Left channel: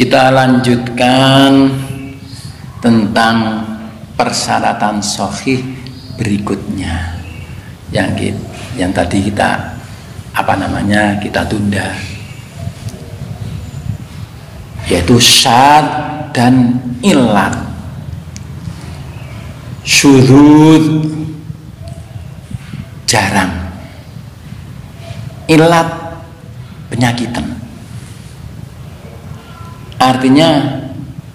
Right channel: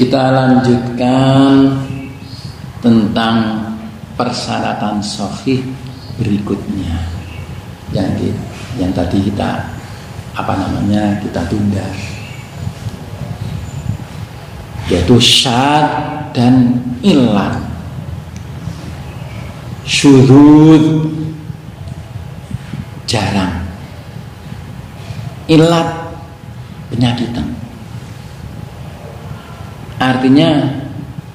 Kita lanjutkan tentang persyaratan sahih berikutnya yang tadi kita kita tunda, yaitu syad dan illat. Syurud jarang, illat penyakitan. Artinya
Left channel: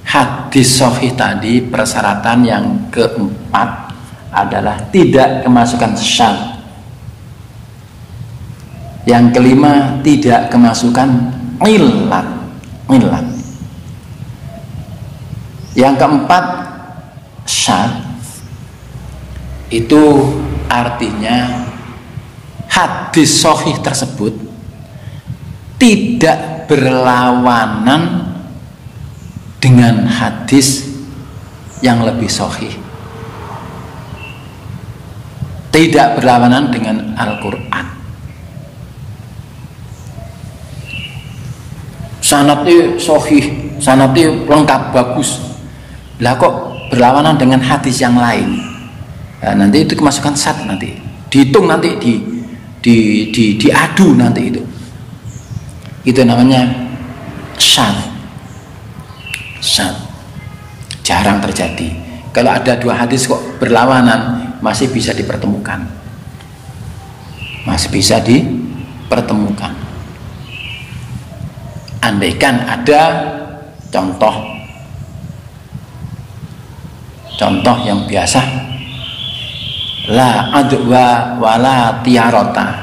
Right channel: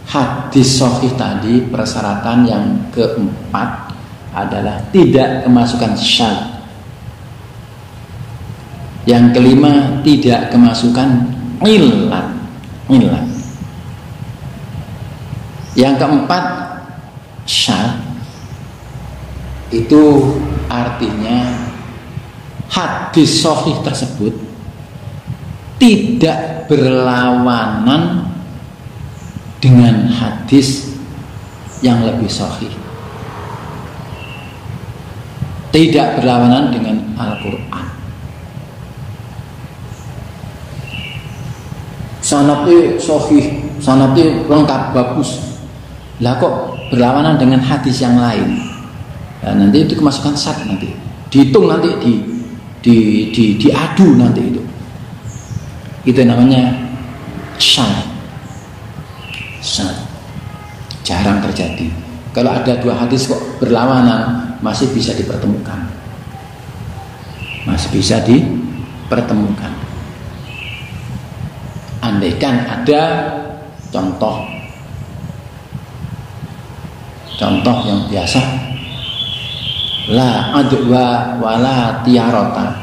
hadis sahih tadi persyaratan yang keempat adalah tidak kemasukan syad. Yang kelima tidak kemasukan illat. Yang keempat syad. Itu artinya hadis sahih tersebut tidak berlawanan dengan hadis yang lebih sahih, tidak berlawanan dengan Al-Quran. Sanadnya sahih, sanadnya lengkap bagus, lah kok berlawanan dengan hadis yang lain. Nah, nanti itu kemasukan syad, nanti dihitung, nanti diadu, nanti itu namanya syad. Jarang terjadi. Kalau ada dua hadis kok berlawanan, masih bisa dipertemukan, andaikan ada contoh yang biasa, la adwa wala tiarota,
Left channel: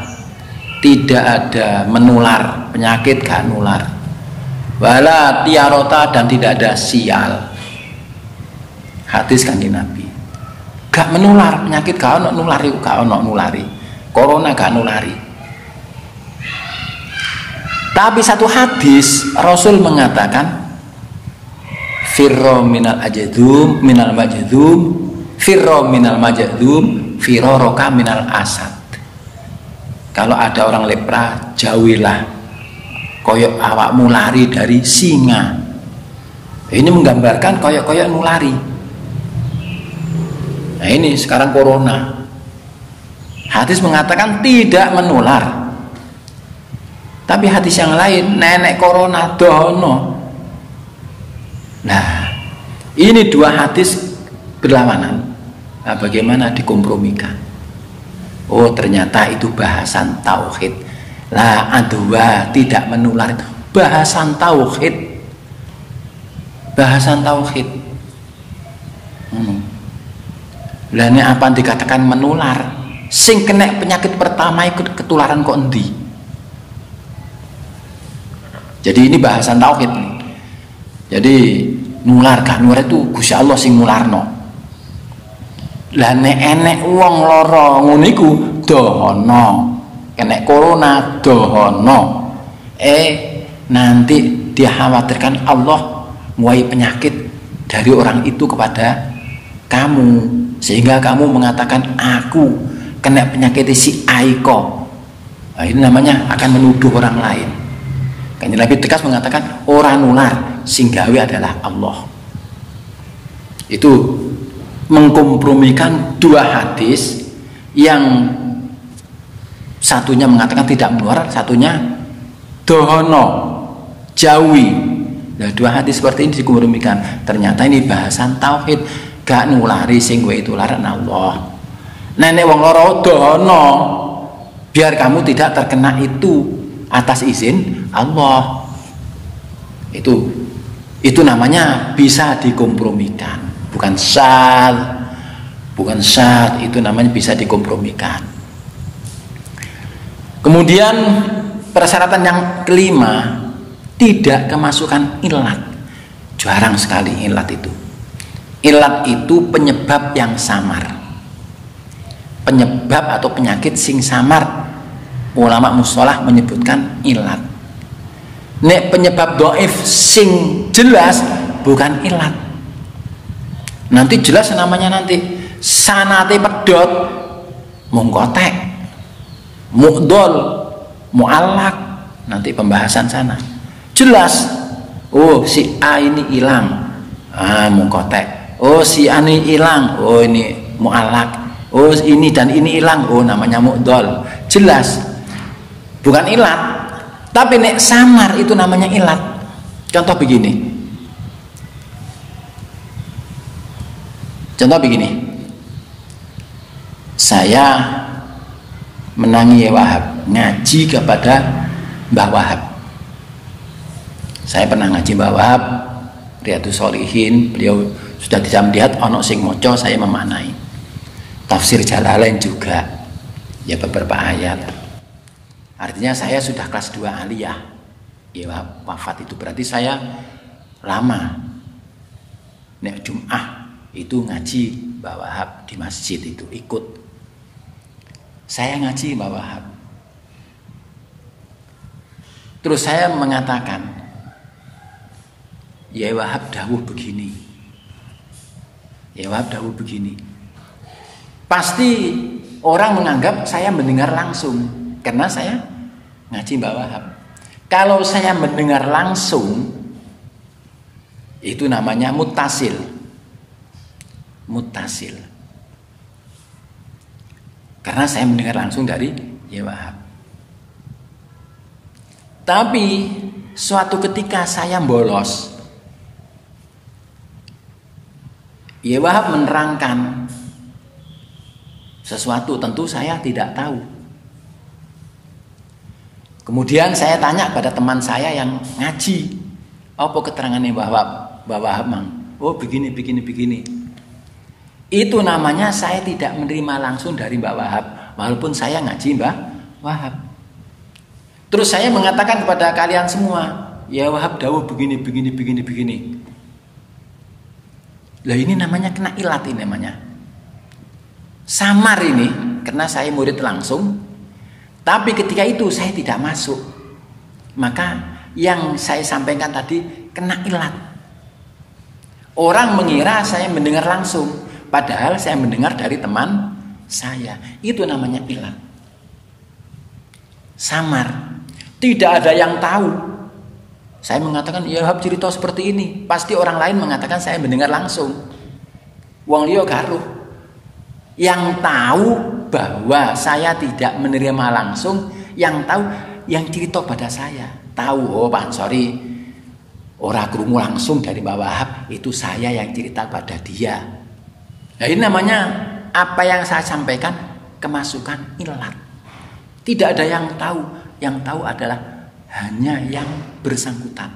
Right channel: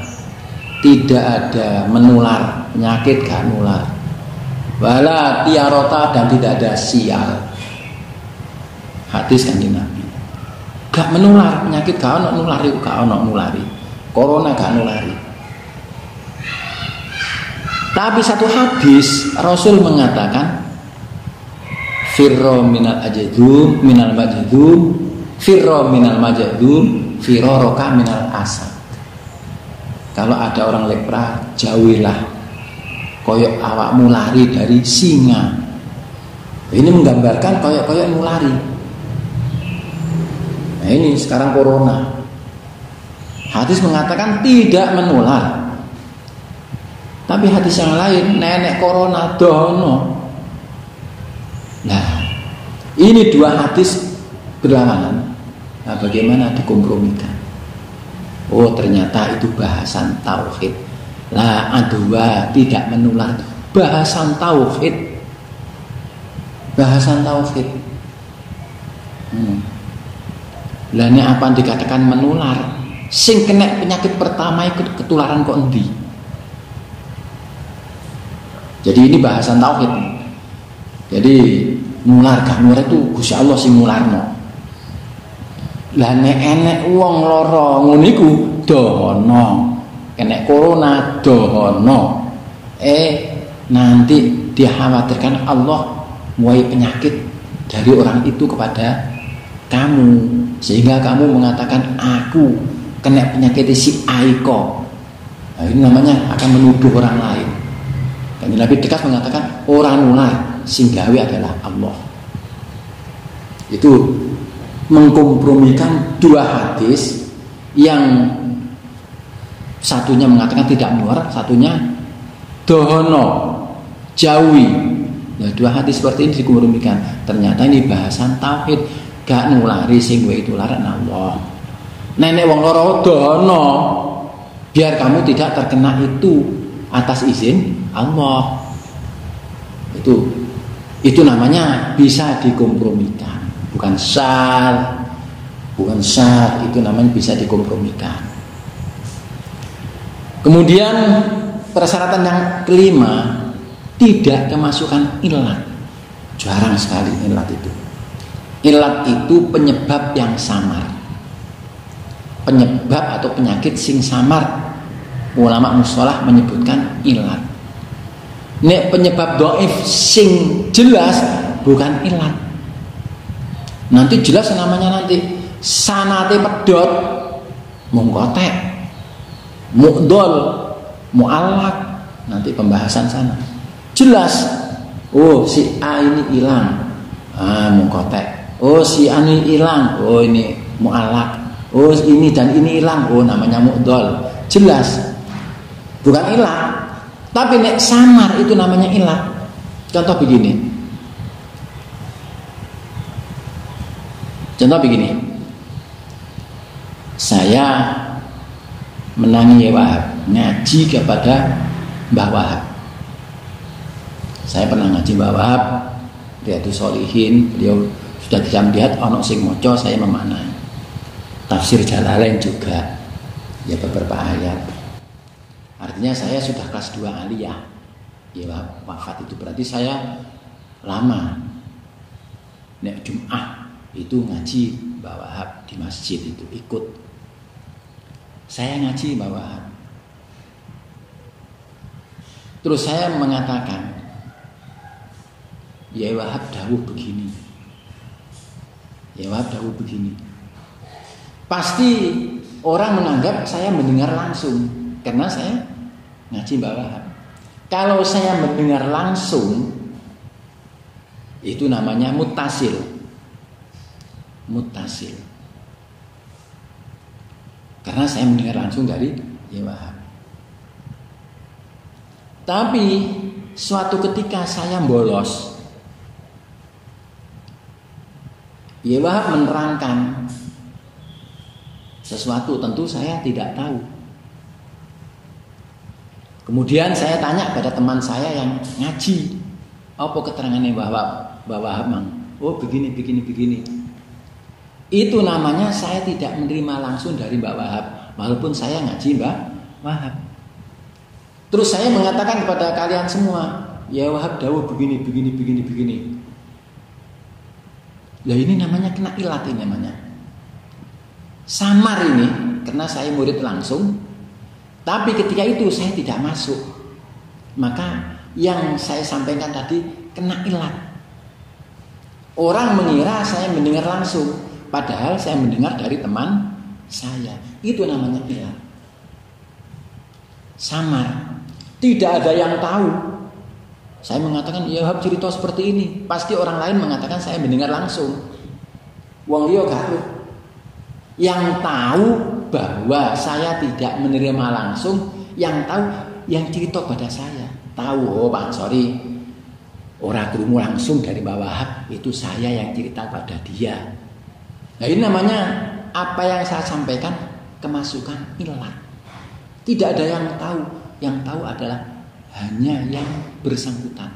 tidak ada menular, penyakit gak nular, wala tiarota, dan tidak ada sial. Hadis Kanjeng Nabi, gak menular, penyakit gak ono nulari, corona gak nulari. Tapi satu hadis Rasul mengatakan firro minal ajadum minal majadum, firro minal majadum firoroka minal asad. Kalau ada orang lepra, jauhilah koyok awakmu lari dari singa. Ini menggambarkan koyok mulari. Nah ini sekarang corona, hadis mengatakan tidak menular. Tapi hadis yang lain, nenek corona dono. Nah ini dua hadis berlawanan. Nah bagaimana dikompromikan? Oh ternyata itu bahasan tauhid. La adwa, tidak menular, bahasan tauhid. Lah nek apa dikatakan menular? Sing kena penyakit pertama ikut ketularan kok endi? Jadi ini bahasan tauhid. Jadi nular gak nular itu Gusti Allah sing nularno. Lah nek enek wong lara ngono iku dohono. Kena corona dohono. Nanti dikhawatirkan Allah muai penyakit dari orang itu kepada kamu, sehingga kamu mengatakan aku kena penyakit si Aiko. Nah, ini namanya akan menuduh orang lain. Kanjeng Nabi tegas mengatakan orang nular sing gawe adalah Allah. Itu mengkompromikan dua hadis yang satunya mengatakan tidak menular, satunya dohono, jauhi. Nah, dua hadis seperti ini dikompromikan. Ternyata ini bahasan tauhid. Gak nulari sing kowe tularan Allah. Nenek wong lara dono, biar kamu tidak terkena itu atas izin Allah. Itu namanya bisa dikompromikan. Bukan syad, itu namanya bisa dikompromikan. Kemudian persyaratan yang kelima, tidak kemasukan illat. Jarang sekali illat itu. Illat itu penyebab yang samar, penyebab atau penyakit sing samar. Ulama mustalah menyebutkan illat. Nek penyebab dhaif sing jelas bukan illat. Nanti jelas namanya, nanti sanate pedot, mungkotek, mu'dol, mu'allak, nanti pembahasan sana jelas. Oh si A ini hilang, mukotek. Oh si A ini hilang, oh ini mu'alak. Oh ini dan ini hilang, oh namanya mu'dol. Jelas, bukan ilat. Tapi nek samar itu namanya ilat. Contoh begini. Saya menangi Wahab, ngaji kepada Mbah Wahab. Saya pernah ngaji Mbah Wahab, Riyadhus Shalihin, beliau sudah bisa melihat ono sing moco, saya memaknai. Tafsir Jalalain juga, ya beberapa ayat. Artinya saya sudah kelas 2 aliyah. Ya wafat itu berarti saya lama. Nek Jum'ah itu ngaji Mbah Wahab di masjid itu ikut. Saya ngaji Mbah Wahab. Terus saya mengatakan, ya Wahab dawuh begini. Ya Wahab dawuh begini. Pasti orang menganggap saya mendengar langsung karena saya ngaji Mbah Wahab. Kalau saya mendengar langsung itu namanya mutasil. Mutasil. Karena saya mendengar langsung dari ya Wahab. Tapi suatu ketika saya bolos, ya Wahab menerangkan sesuatu, tentu saya tidak tahu. Kemudian saya tanya pada teman saya yang ngaji, apa keterangannya Mbah Wahab mang? Oh begini. Itu namanya saya tidak menerima langsung dari Mbah Wahab, walaupun saya ngaji Mbah Wahab. Terus saya mengatakan kepada kalian semua, ya Wahab dawuh begini. Lah ini namanya kena ilat, ini namanya samar ini, karena saya murid langsung. Tapi ketika itu saya tidak masuk, maka yang saya sampaikan tadi kena ilat. Orang mengira saya mendengar langsung, padahal saya mendengar dari teman saya. Itu namanya ilat. Samar. Tidak ada yang tahu. Saya mengatakan, ya Wahab cerita seperti ini. Pasti orang lain mengatakan saya mendengar langsung. Wong liya karo. Yang tahu bahwa saya tidak menerima langsung, yang tahu yang cerita pada saya. Tahu, oh Pak Ansori, ora krungu langsung dari Mbah Wahab, itu saya yang cerita pada dia. Nah ini namanya apa yang saya sampaikan kemasukan ilat. Tidak ada yang tahu. Yang tahu adalah hanya yang bersangkutan.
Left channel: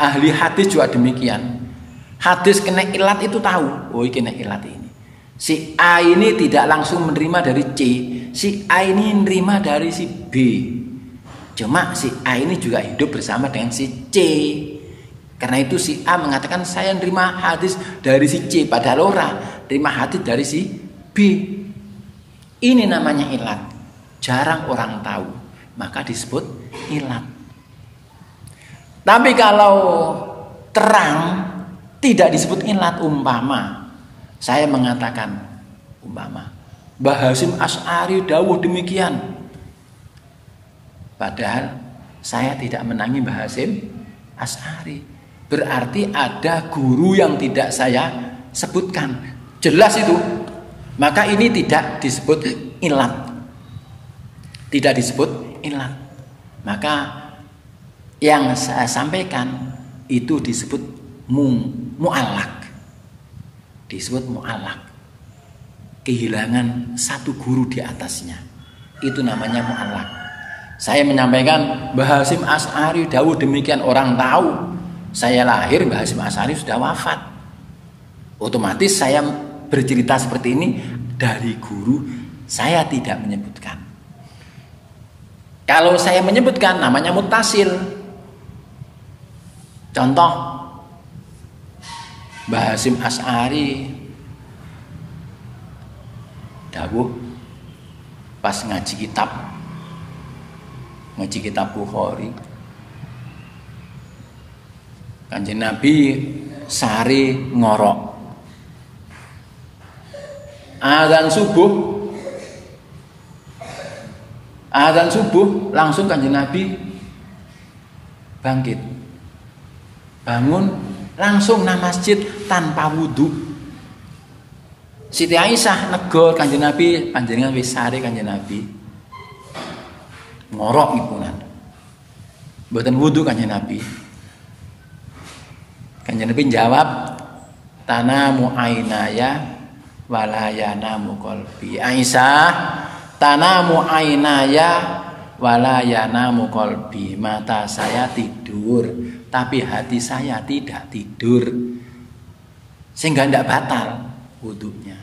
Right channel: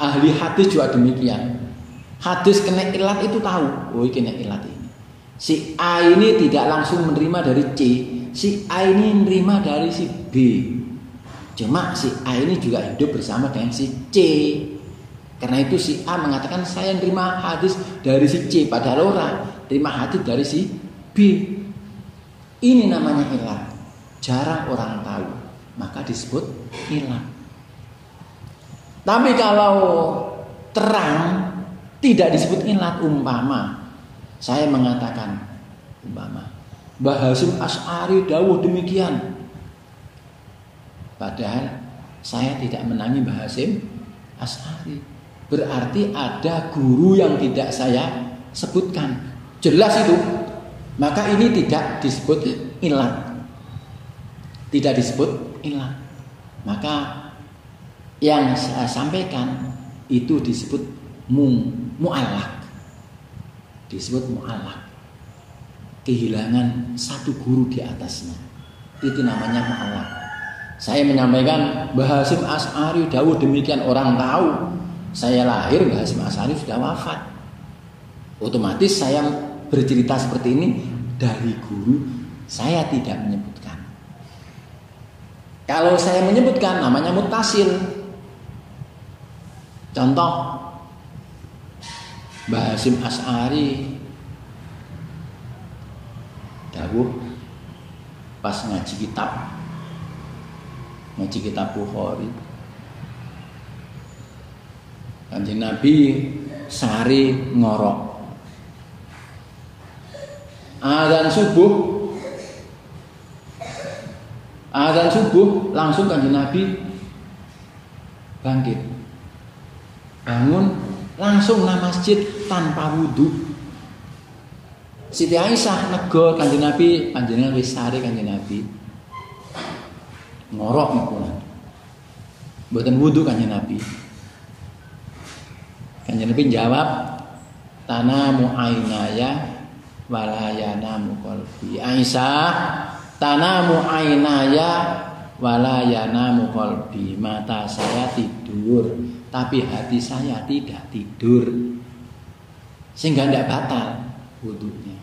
Ahli hadis juga demikian. Hadis kena ilat itu tahu. Oh kena ilat ini. Si A ini tidak langsung menerima dari C. Si A ini menerima dari si B. Cuma si A ini juga hidup bersama dengan si C. Karena itu si A mengatakan saya menerima hadis dari si C, padahal orang terima hadis dari si B. Ini namanya ilat. Jarang orang tahu, maka disebut ilat. Tapi kalau terang tidak disebut ilat. Umpama saya mengatakan, umpama Mbah Hasyim Asy'ari dawuh demikian, padahal saya tidak menangi Mbah Hasyim Asy'ari. Berarti ada guru yang tidak saya sebutkan. Jelas itu. Maka ini tidak disebut ilat. Tidak disebut ilat. Maka yang saya sampaikan itu disebut mu'allak. Disebut mu'allak. Kehilangan satu guru di atasnya. Itu namanya mu'allak. Saya menyampaikan Mbah Hasyim Asy'ari dawuh demikian, orang tahu. Saya lahir, Mbah Hasyim Asy'ari sudah wafat. Otomatis saya bercerita seperti ini dari guru, saya tidak menyebutkan. Kalau saya menyebutkan namanya mutasil. Contoh Mbah Hasyim Asy'ari dawuh pas ngaji kitab Bukhari. Kanjeng Nabi sari ngorok. Azan subuh langsung Kanjeng Nabi bangkit. bangun langsung nang masjid tanpa wudu. Siti Aisyah negor Kanjeng Nabi, panjenengan wis sare Kanjeng Nabi. Ngorok niku. Mboten wudu Kanjeng Nabi. Kanjeng Nabi jawab, tanamu ainaya walayanamu qalbi. Aisyah, tanamu ainaya walayanamu qalbi. Mata saya tidur, tapi hati saya tidak tidur. Sehingga tidak batal wudunya.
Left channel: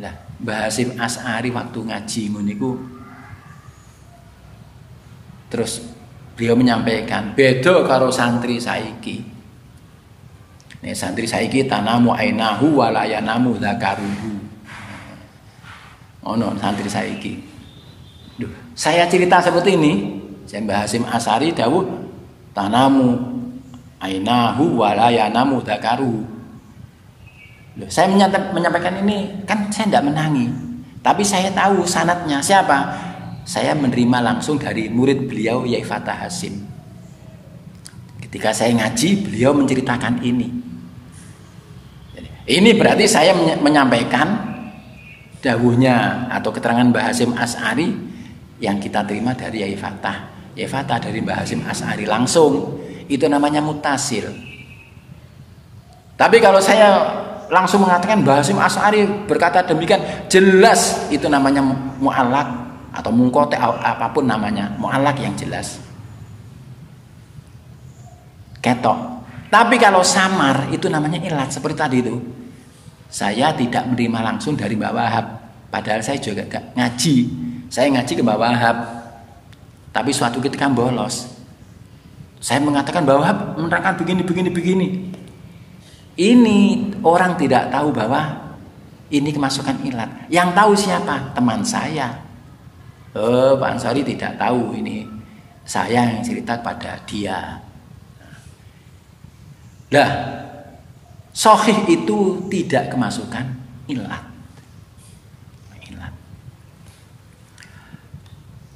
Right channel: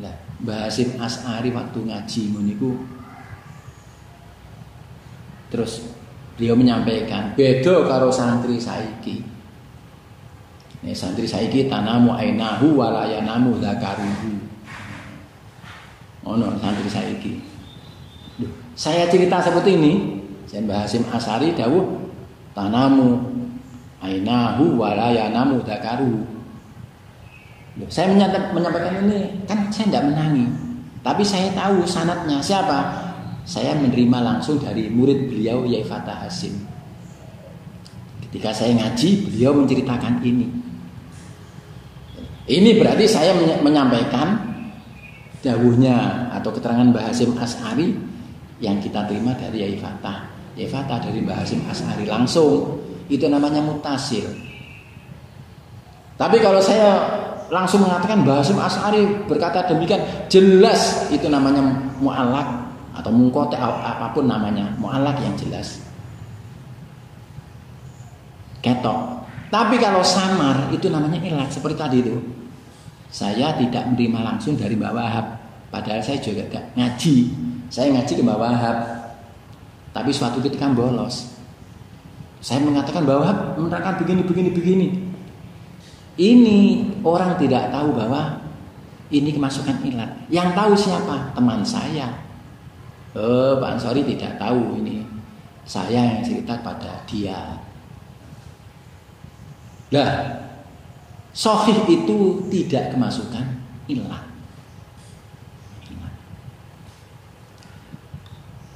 Lah, Mbah Hasyim Asy'ari waktu ngaji nguniku terus beliau menyampaikan beda karo santri saiki. Nek santri saiki tanamu ainahu walayanamu dzakaruhu. Ono santri saiki. Duh, saya cerita seperti ini, saya Mbah Hasyim Asy'ari dawuh tanamu ainahu walayanamu dzakaruhu. Loh, saya menyampaikan ini kan saya tidak menangi, tapi saya tahu sanadnya siapa. Saya menerima langsung dari murid beliau Yai Fatah Hasyim. Ketika saya ngaji, beliau menceritakan ini. Ini berarti saya menyampaikan dawuhnya atau keterangan Mbah Hasyim Asy'ari yang kita terima dari Yai Fatah. Yai Fatah dari Mbah Hasyim Asy'ari langsung, itu namanya mutasil. Tapi kalau saya langsung mengatakan Mbah Hasyim Asy'ari berkata demikian, jelas itu namanya mu'allaq atau mungkote, apapun namanya, mu'allaq yang jelas. Ketok. Tapi kalau samar itu namanya ilat, seperti tadi itu. Saya tidak menerima langsung dari Mbak Wahab, padahal saya juga ngaji. Saya ngaji ke Mbak Wahab. Tapi suatu ketika bolos. Saya mengatakan Mbak Wahab menerangkan begini. Ini orang tidak tahu bahwa ini kemasukan ilat. Yang tahu siapa? Teman saya. Pak Ansari tidak tahu ini. Saya yang cerita pada dia. Nah, sahih itu tidak kemasukan ilat.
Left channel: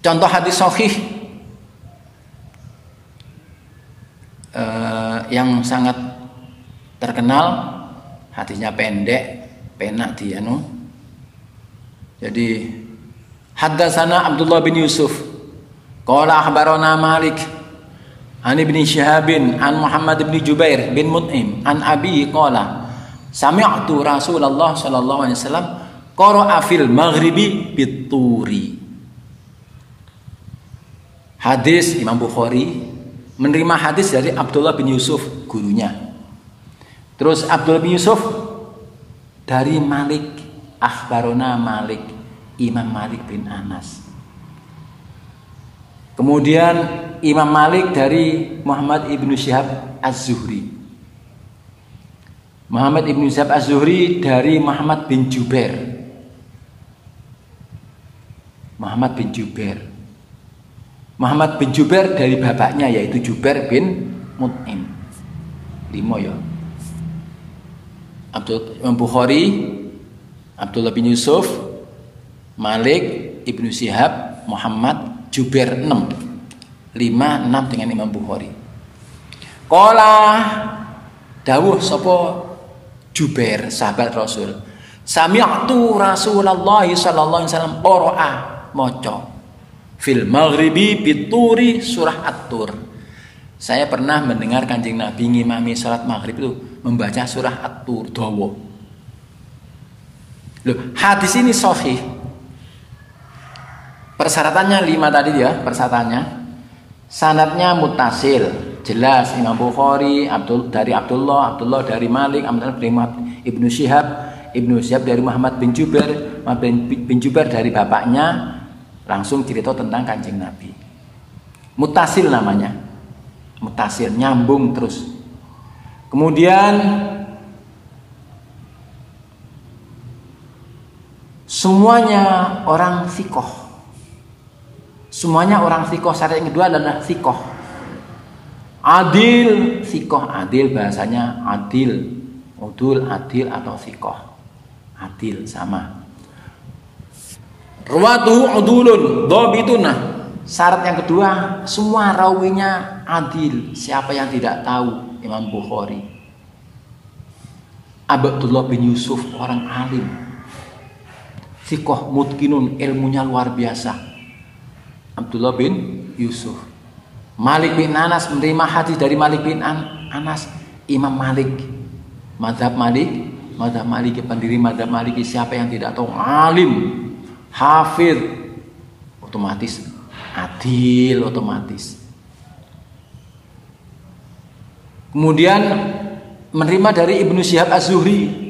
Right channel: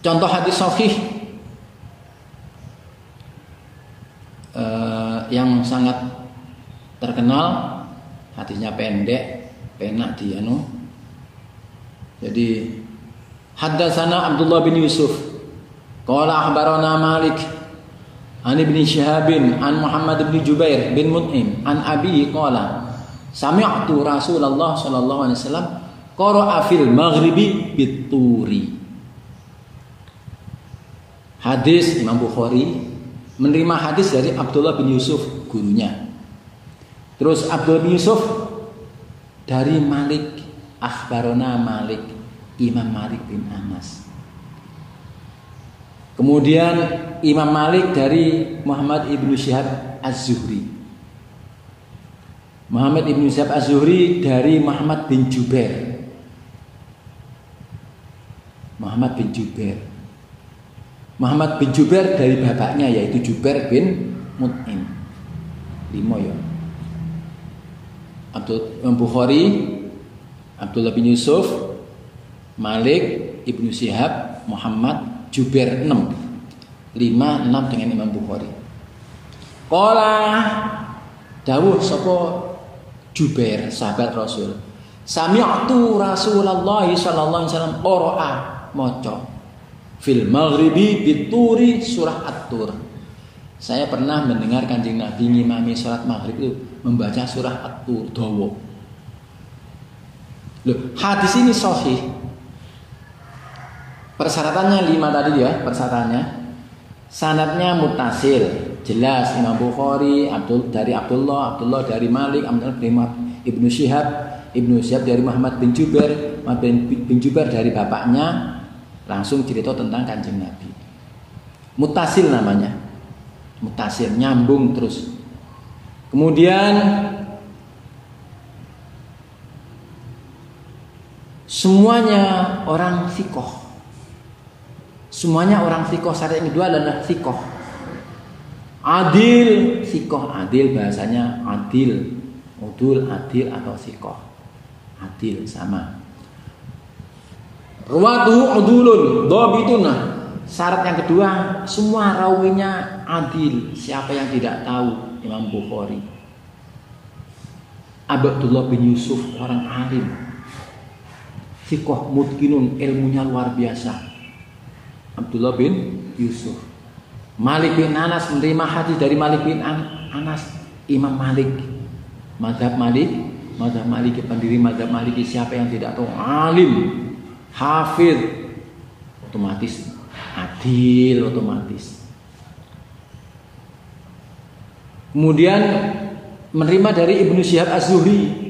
Contoh hadis sahih yang sangat terkenal, hadisnya pendek, penak dia no. Jadi haddatsana Abdullah bin Yusuf qala akhbarana Malik an Ibnu Syihabin an Muhammad bin Jubair bin Mut'im an Abi qala sami'tu Rasulullah sallallahu alaihi wasallam qara'a fil maghribi bit-turi. Hadis Imam Bukhari menerima hadis dari Abdullah bin Yusuf, gurunya. Terus Abdullah bin Yusuf dari Malik, akhbarona Malik, Imam Malik bin Anas. Kemudian Imam Malik dari Muhammad ibnu Syihab Az-Zuhri. Muhammad ibnu Syihab Az-Zuhri dari Muhammad bin Jubair. Muhammad bin Jubair. Muhammad bin Jubair dari bapaknya yaitu Jubair bin Mut'im. 5 ya. Imam Bukhari, Abdullah bin Yusuf, Malik, Ibnu Syihab, Muhammad, Jubair 6. 5, 6 dengan Imam Bukhari. Qala dawuh sapa Jubair, sahabat Rasul. Sami'tu Rasulullah sallallahu alaihi wasallam qara'a maca fil maghribi bituri surah At-Tur. Saya pernah mendengar Kanjeng Nabi ngimami salat maghrib itu membaca surah At-Tur dawa. Loh, hadis ini sahih. Persyaratannya 5 tadi ya, persyaratannya. Sanadnya muttasil, jelas Imam Bukhari, dari Abdullah dari Malik, Abdullah bin Ibnu Syihab dari Muhammad bin Jubair, bin Jubair dari bapaknya, langsung cerita tentang Kanjeng Nabi. Muttasil namanya. Muttasil, nyambung terus. Kemudian semuanya orang sikoh. Semuanya orang sikoh. Syarat yang kedua adalah sikoh. Adil, sikoh adil, bahasanya adil, udul, adil atau sikoh. Adil sama. Ruwatuhu udulun, dhabituna. Syarat yang kedua, semua rawinya adil. Siapa yang tidak tahu? Imam Bukhari. Abdullah bin Yusuf, orang alim. Thiqah mutqinun, ilmunya luar biasa. Abdullah bin Yusuf. Malik bin Anas, menerima hadis dari Malik bin Anas. Imam Malik, mazhab Maliki, pendiri mazhab Maliki. Siapa yang tidak tahu? Alim, hafid, otomatis adil, otomatis. Kemudian menerima dari Ibnu Syihab Az-Zuhri.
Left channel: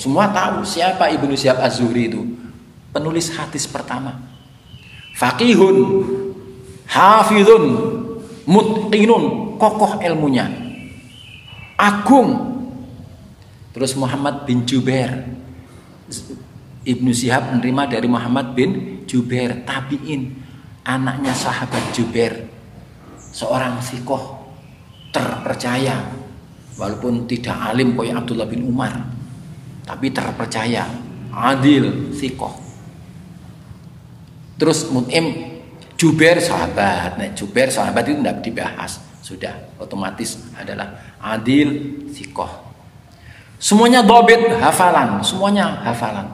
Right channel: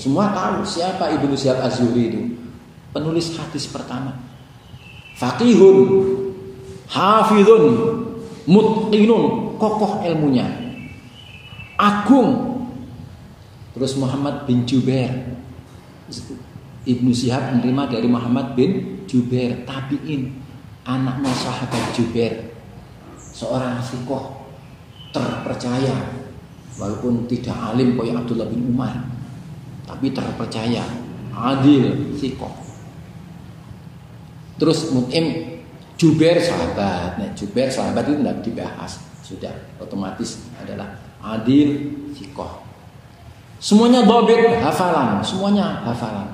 Semua tahu siapa Ibnu Syihab Az-Zuhri itu. Penulis hadis pertama. Faqihun, hafidun, mutqinun, kokoh ilmunya, agung. Terus Muhammad bin Jubair. Ibnu Syihab menerima dari Muhammad bin Jubair, tabi'in, anaknya sahabat Jubair, seorang thiqah terpercaya, walaupun tidak alim kayak Abdullah bin Umar, tapi terpercaya, adil, thiqah. Terus Mut'im, Jubair sahabat. Nah, Jubair sahabat itu tidak dibahas, sudah otomatis adalah adil, thiqah. Semuanya dhabit, hafalan, semuanya hafalan.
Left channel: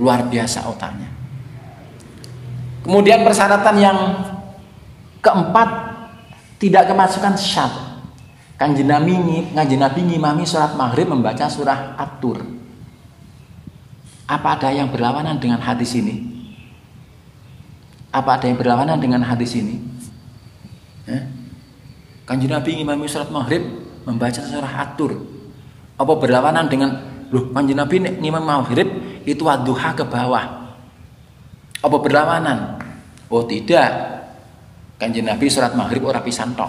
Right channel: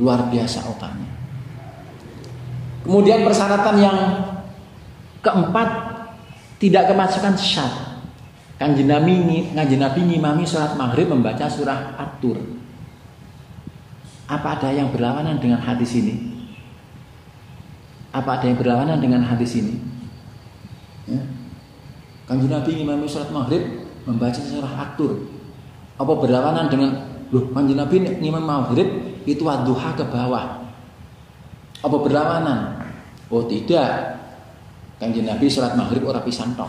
Luar biasa otaknya. Kemudian persyaratan yang keempat, tidak kemasukan syarat. Kanjeng Nabi ngimami sholat maghrib membaca surah At-Tur. Apa ada yang berlawanan dengan hadis ini? Apa ada yang berlawanan dengan hadis ini? Kanjeng Nabi ngimami sholat maghrib membaca surah At-Tur. Apa berlawanan dengan Kanjeng Nabi ngimam maghrib itu wadduha ke bawah? Apa berlawanan? Oh tidak. Kanjeng Nabi sholat maghrib ora pisan tok.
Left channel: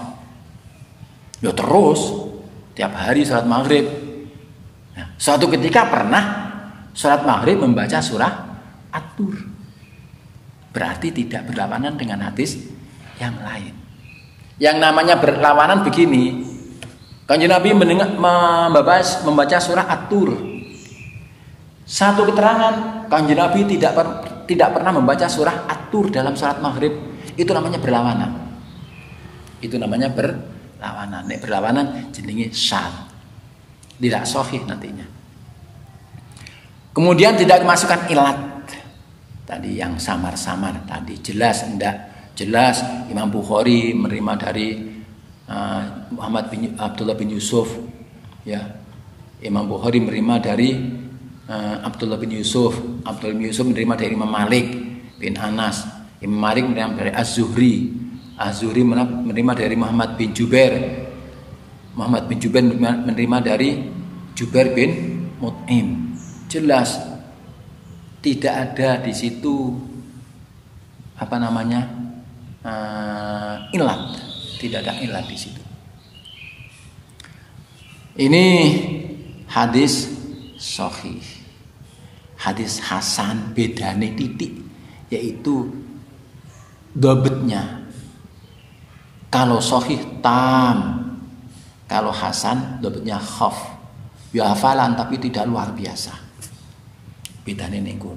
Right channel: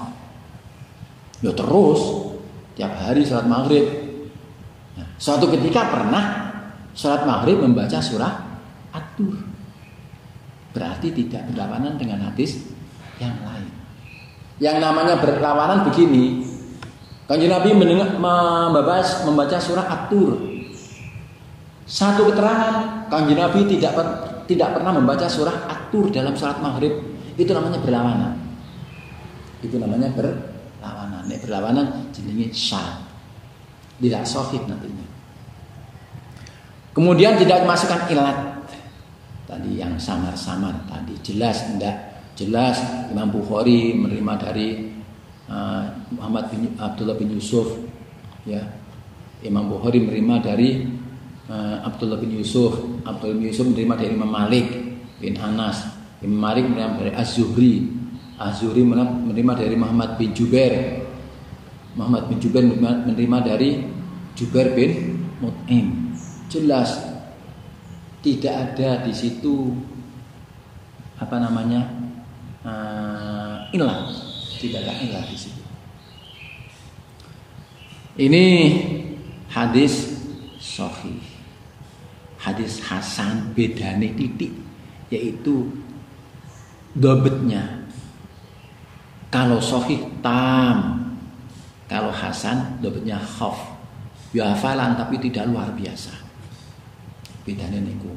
Ya terus tiap hari sholat maghrib. Nah, suatu ketika pernah sholat maghrib membaca surah At-Tur. Berarti tidak berlawanan dengan hadis yang lain. Yang namanya berlawanan begini. Kanjeng Nabi membaca surah At-Tur. Satu keterangan, Kanjeng Nabi tidak pernah membaca surah At-Tur dalam salat maghrib. Itu namanya berlawanan. Itu namanya berlawanan. Nek berlawanan jenenge syadz. Tidak sahih nantinya. Kemudian tidak kemasukan ilat. Tadi yang samar-samar tadi jelas enggak? Jelas Imam Bukhari menerima dari Abdullah bin Yusuf, ya. Imam Bukhari menerima dari Abdullah bin Yusuf. Abdullah bin Yusuf menerima dari Imam Malik bin Anas. Imam Malik menerima dari Az-Zuhri. Az-Zuhri menerima dari Muhammad bin Jubair. Muhammad bin Jubair menerima dari Jubair bin Mut'im. Jelas tidak ada di situ ilat, tidak ada ilat di situ. Ini hadis sahih. Hadis hasan bedane titik, yaitu dobetnya. Kalau sahih tam, kalau hasan dobetnya khaf. Ya hafalan tapi tidak luar biasa. Bedane niku.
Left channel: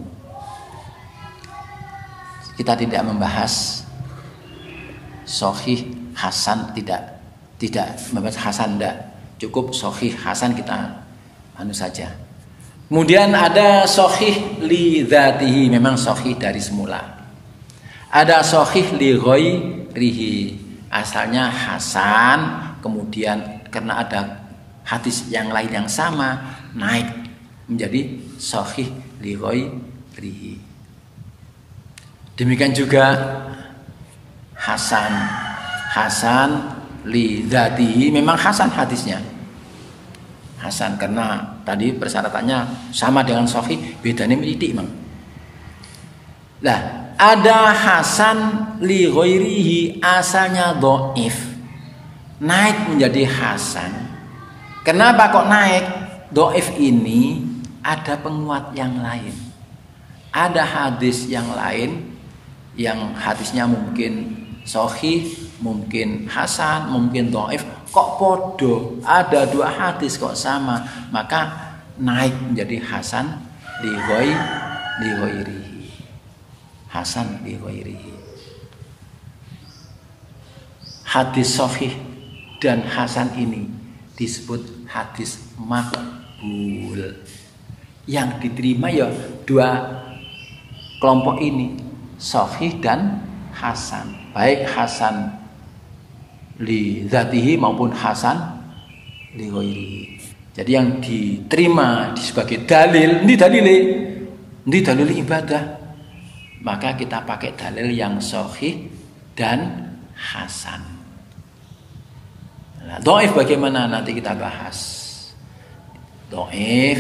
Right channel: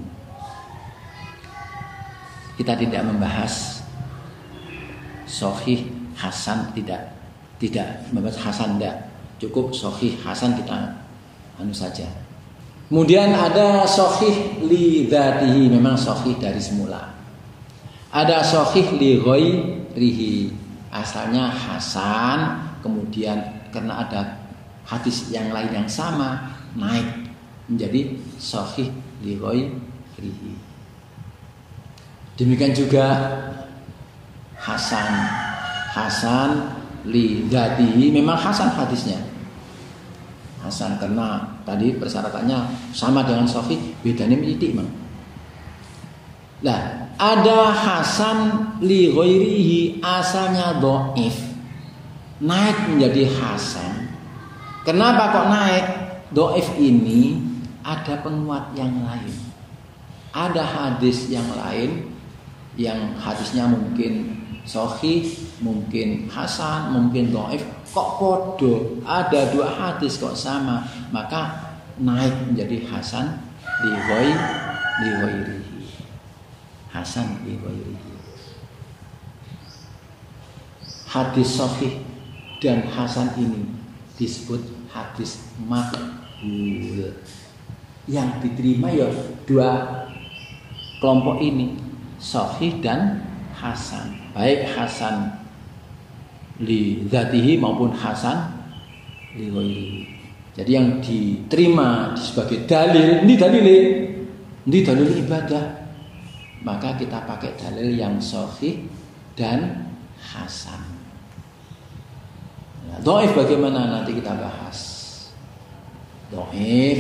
Kita tidak membahas sahih hasan, tidak membahas hasan, tidak cukup sahih hasan, kita saja. Kemudian ada sahih li dzatihi, memang sahih dari semula. Ada sahih li ghairihi, asalnya hasan, kemudian karena ada hadis yang lain yang sama naik menjadi sahih li ghairihi. Demikian juga hasan li dzatihi, memang hasan hadisnya. Hasan karena tadi persyaratannya sama dengan sahih, bedanya titik, Bang. Lah, ada hasan li ghairihi, asalnya dhaif, naik menjadi hasan. Kenapa kok naik? Dhaif ini ada penguat yang lain. Ada hadis yang lain yang hadisnya mungkin sahih, mungkin hasan, mungkin dhaif, kok podo, ada dua hadis kok sama, maka naik menjadi hasan li ghairihi. Hasan li ghairihi. hadis sahih dan hasan ini disebut hadis maqbul. Yang diterima ya dua kelompok ini, sahih dan hasan. Baik hasan li dzatihi maupun hasan li ghairihi. Jadi yang diterima sebagai dalil, ini dalil ibadah. Maka kita pakai dalil yang sahih dan hasan. Nah, dhaif bagaimana nanti kita bahas. Dhaif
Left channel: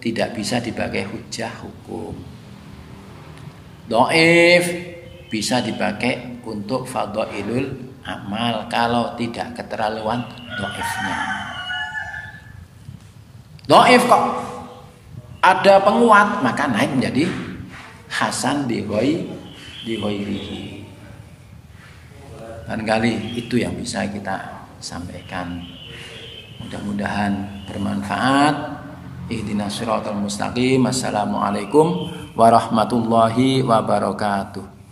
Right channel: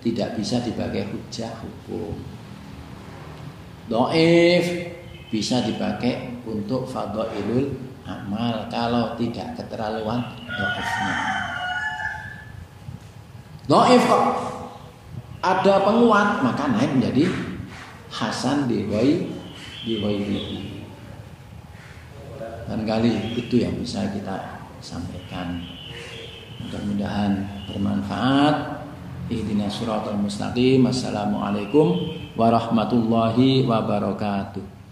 tidak bisa dipakai hujjah hukum. Dhaif bisa dipakai untuk fadhailul amal kalau tidak keterlaluan dhaifnya. Dhaif kok ada penguat maka naik menjadi hasan di ghairihi. Barangkali itu yang bisa kita sampaikan. Mudah-mudahan bermanfaat. Ihdinas siratal mustaqim. Assalamualaikum warahmatullahi wabarakatuh.